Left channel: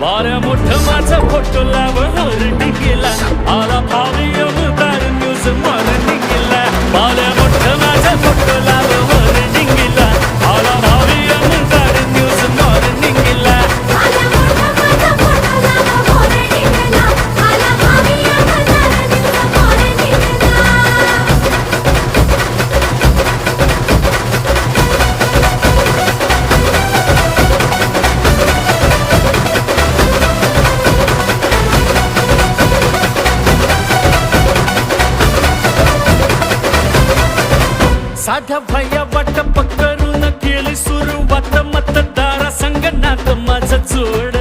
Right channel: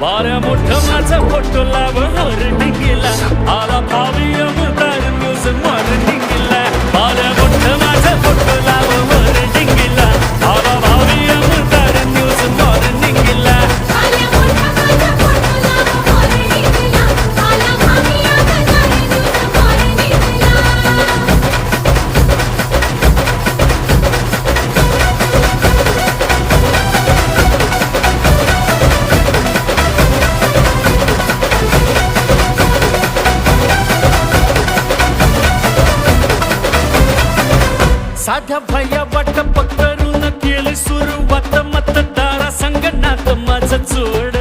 बाऱ्या मोठं माझा फोटो लाव हरडिंगीला आला भावी अमदार न्यूज मॉर्निंगला बाऱ्या मोठं माझा फोटो लाव हरडिंगीला आला भावी अमदार न्यूज मॉर्निंगला साध्या भया वाटप करून केली सुरुवात मतदारा संगणात माझं जोड